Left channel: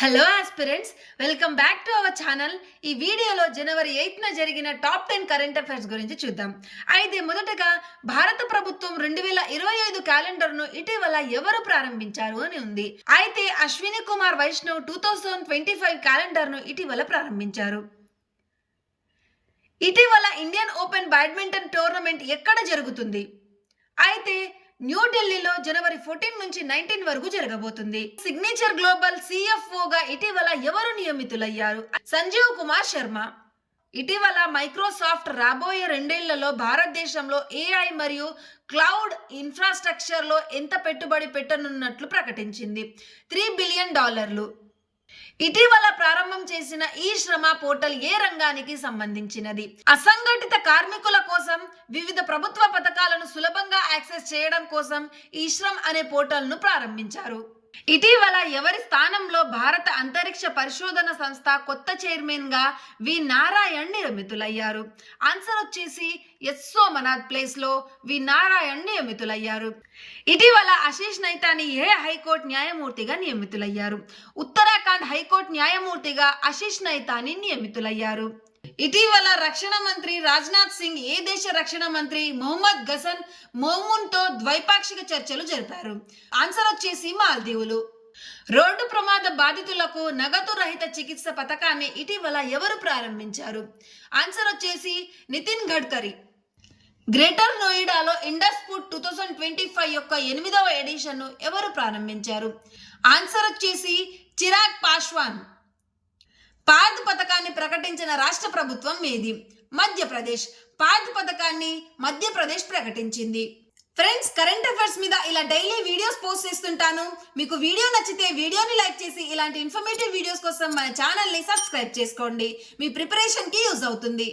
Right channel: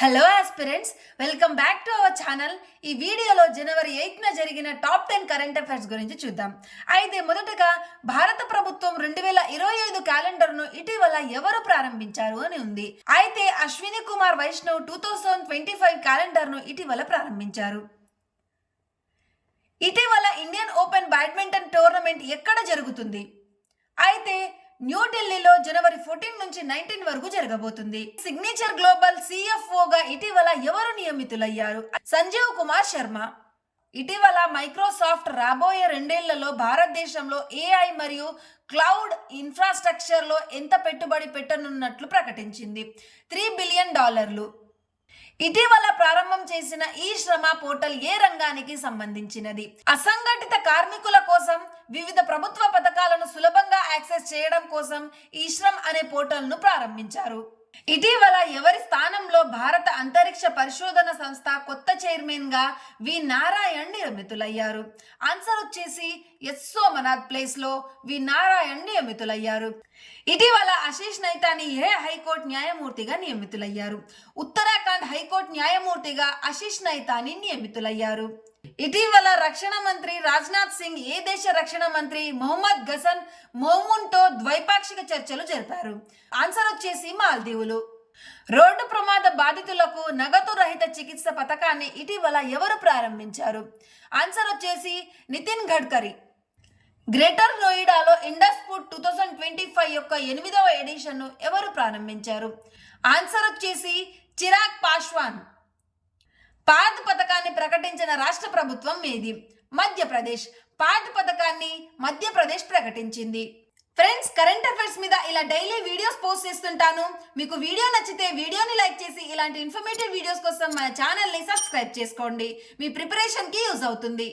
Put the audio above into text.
Hello aspirants, welcome back to our channel. ఈ వీడియోలో జనవరి 8న జరిగిన టాప్ 10 కరెంట్ అఫైర్స్ గురించి చూద్దాం. అయితే మొదటగా భారత ప్రభుత్వం 2025 క్యాలెండర్ను ఇటీవల ఎవరు ప్రారంభించారు అని ఉంది. అయితే అశ్విని కుమార్ వైష్ణవ్ 2025 క్యాలెండర్ను ఇటీవల ప్రారంభించారు. ఇటీవల ఇండియన్ ఓపెన్ బ్యాడ్మింటన్ టోర్నమెంట్ ఎక్కడ జరుగుతుంది? అయితే న్యూఢిల్లీలో జనవరి 14 నుంచి 19 వరకు జరగబోతుంది. సిగ్నేచర్ గ్లోబల్ సిఎఫ్ఓగా ఇటీవల ఎవరు నియమితులయ్యారు? సంజీవ్ కుమార్ శర్మ. ఇటీవల మైక్రోసాఫ్ట్ రాబోయే 2 ఏళ్లలో భారతదేశంలో ఏఐ మరియు క్లౌడ్ ఇన్ఫ్రాస్ట్రక్చర్లో ఎంత పెట్టుబడి పెట్టనున్నట్లు ప్రకటించింది. $3 బిలియన్. ఇటీవల ప్రారంభం చేసిన ఈ శ్రమ పోర్టల్ ఏ రంగానికి సంబంధించినది? అసంఘటిత కార్మికుల కోసం వివిధ ప్రభుత్వ పథకాలను సులభంగా యాక్సెస్ చేయడం కోసం ఈ శ్రమ్ అనే పోర్టల్ను ప్రారంభించారు. ఇటీవల ఎవరి స్థానంలో భారత అంతరిక్ష పరిశోధన సంస్థ కొత్త చైర్మన్ గా వి నారాయణ్ నియమితులయ్యారు? ఆన్సర్ వచ్చేసి ఎస్ సోమనాథ్ ప్లేస్ లో వి నారాయణ్ నియమితులయ్యారు. ఇటీవల ఆశీష్ నైతాని ఏ హైకోర్టు న్యాయమూర్తిగా నియమితులయ్యారు? ఉత్తరాఖండ్ హైకోర్టు న్యాయమూర్తిగా ఆశీష్ నైతాని నియమితులయ్యారు. ఇటీవల రక్షణ మంత్రి రాజ్నాథ్ సింగ్ ఏ దేశ రక్షణ మంత్రి మొహమ్మద్ గసన్ మోమున్తో ద్వైపాక్షిక చర్చలు జరిపారు? ఆన్సర్ వచ్చేసి మాల్దీవులు. రోడ్డు ప్రమాద బాధితులకు నగదు రహిత చికిత్స పథకాన్ని ఇటీవల ఎవరు ప్రారంభించారు? ఆన్సర్ వచ్చేసి నితిన్ గడ్కరీ. గ్రేటర్ నోయిడాలో ఇండస్ ఫుడ్ 2025 యొక్క 8వ ఎడిషన్ను ఎవరు ప్రారంభించారు? ఆన్సర్ వచ్చేసి చిరాగ్ పాస్వాన్. పాద్ పథకాన్ని ప్రకటించిన రాష్ట్ర ప్రభుత్వం ఏది? మధ్యప్రదేశ్. పాద్ పథకాన్ని మధ్యప్రదేశ్ ప్రకటించింది. ఫ్రెండ్స్, కరెంట్ అఫైర్స్ మీద ఇలా డైలీ వీడియోస్ పోస్ట్ చేస్తుంటాను. మీకు వీడియో నచ్చితే వీడియోని లైక్ చేసి ఇలాంటి ఇన్ఫర్మేటివ్ వీడియోస్ కోసం మన ఛానల్ని సబ్స్క్రైబ్ చేసుకోండి. మీ ప్రిపరేషన్కి యూజ్ అవుతుంది.